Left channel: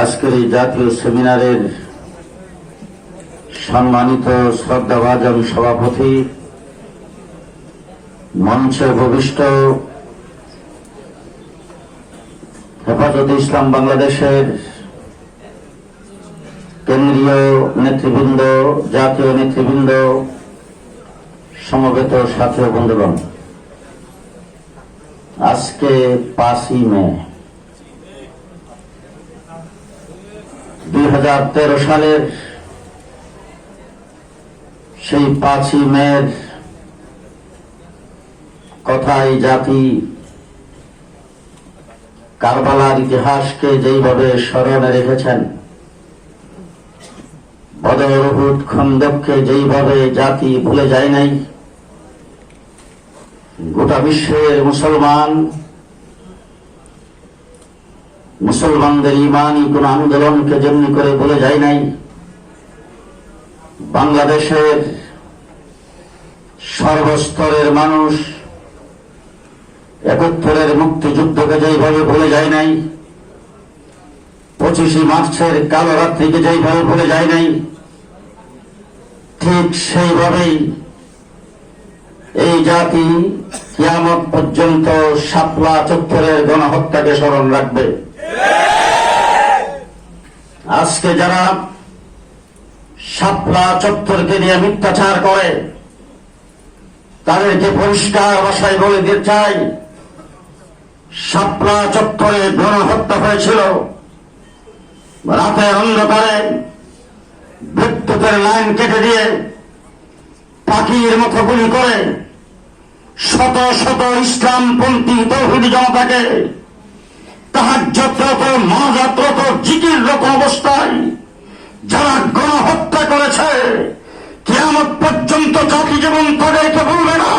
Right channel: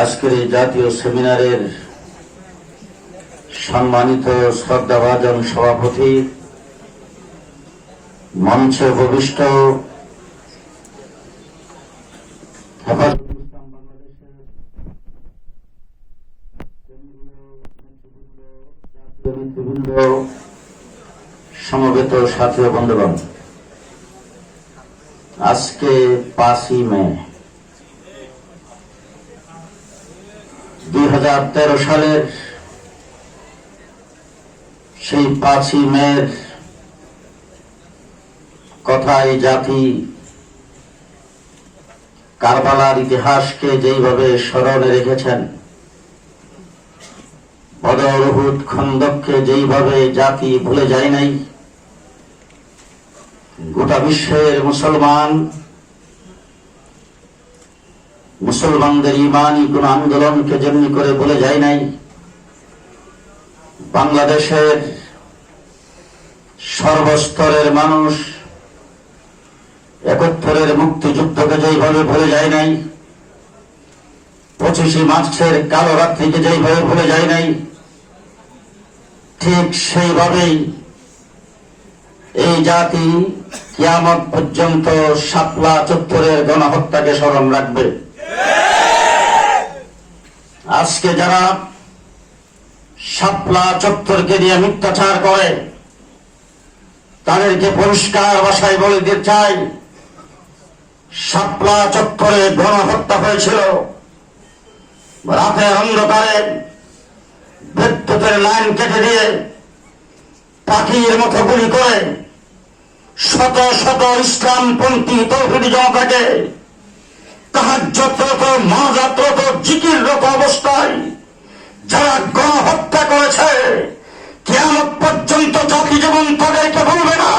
আজকের এই জাতীয় সেমিনারের সম্মানিত শ্রদ্ধাভাজন সভাপতি, মঞ্চে উপবিষ্ট হেফাজতে ইসলাম বাংলাদেশের কেন্দ্রীয় নেতৃবৃন্দ, জাতীয় নেতৃবৃন্দ, সমবেত সাথী বন্ধুগণ, আজকে পাঁচই মে। সালের সেই পাঁচই মের কথাই জাতি কারবালার ইতিহাসকে যেইভাবে স্মরণে রেখেছেন বদর খন্দককে যেইভাবে জাতি ভুলে যায় নাই, গোটা বিশ্বের মুসলমান মুসলমানদের ইমানই কোন আন্দোলনকে যেমনি করে বলে যায় নাই, বাংলাদেশের সর্বস্তরের মানুষ একাত্তরের মুক্তিযুদ্ধকে যেইভাবে ভুলে যায় নাই, পঁচিশে মার্চের কালো রাত্রিকে যেইভাবে ভুলে যায় নাই, ঠিক সেইভাবেই এই জাতি কিয়ামত পর্যন্ত শাপলা চত্বরের গণহত্যাকে স্মরণ রাখবে। আজকে যারা শাপলা চত্বরকে নিয়ে মিথ্যাচার করে, তাদেরকে পরিষ্কার ভাষায় বলে দিতে চাই, শাপলা চত্বরে গণহত্যা হয়েছিল। রাতের অন্ধকারে বিদ্যুতের লাইন কেটে দিয়ে পাখির মতো গুলি করে শত শত ইসলামপন্থী তৌহিদি জনতাকে তাহাজ্যতরত মহাজাতরত জিকিররত অবস্থায় যারা গণহত্যা করেছে কেয়ামত পর্যন্ত জাতি যেমন তাদেরকে বলবে না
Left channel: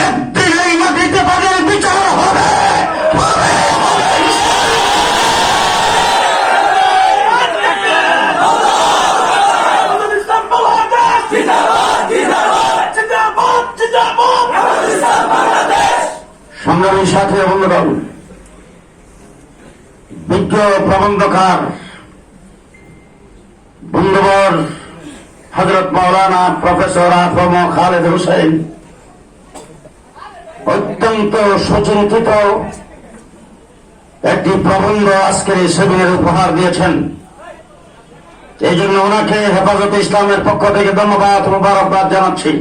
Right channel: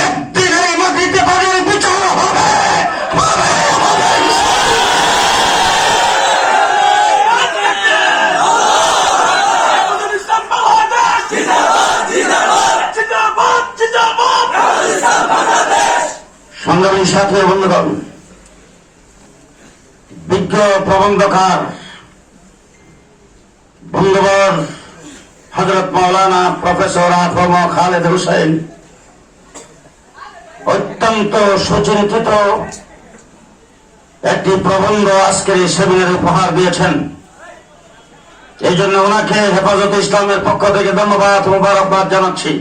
একদিন এই মাটিতে তাদের বিচার হবে হবে, হবে। ইসলাম বাংলাদেশ বিজ্ঞ প্রবন্ধকার বন্ধুবর হজরত মৌলানা প্রফেসর আফম খালেদ হোসেন অত্যন্ত সুচিন্তিত একটি প্রবন্ধ আজকের এই সেমিনারে উপহার দিয়েছেন। এই জন্য ওনাকে হেফাজতে ইসলামের পক্ষ থেকে ধন্যবাদ, মুবারকবাদ জানাচ্ছি।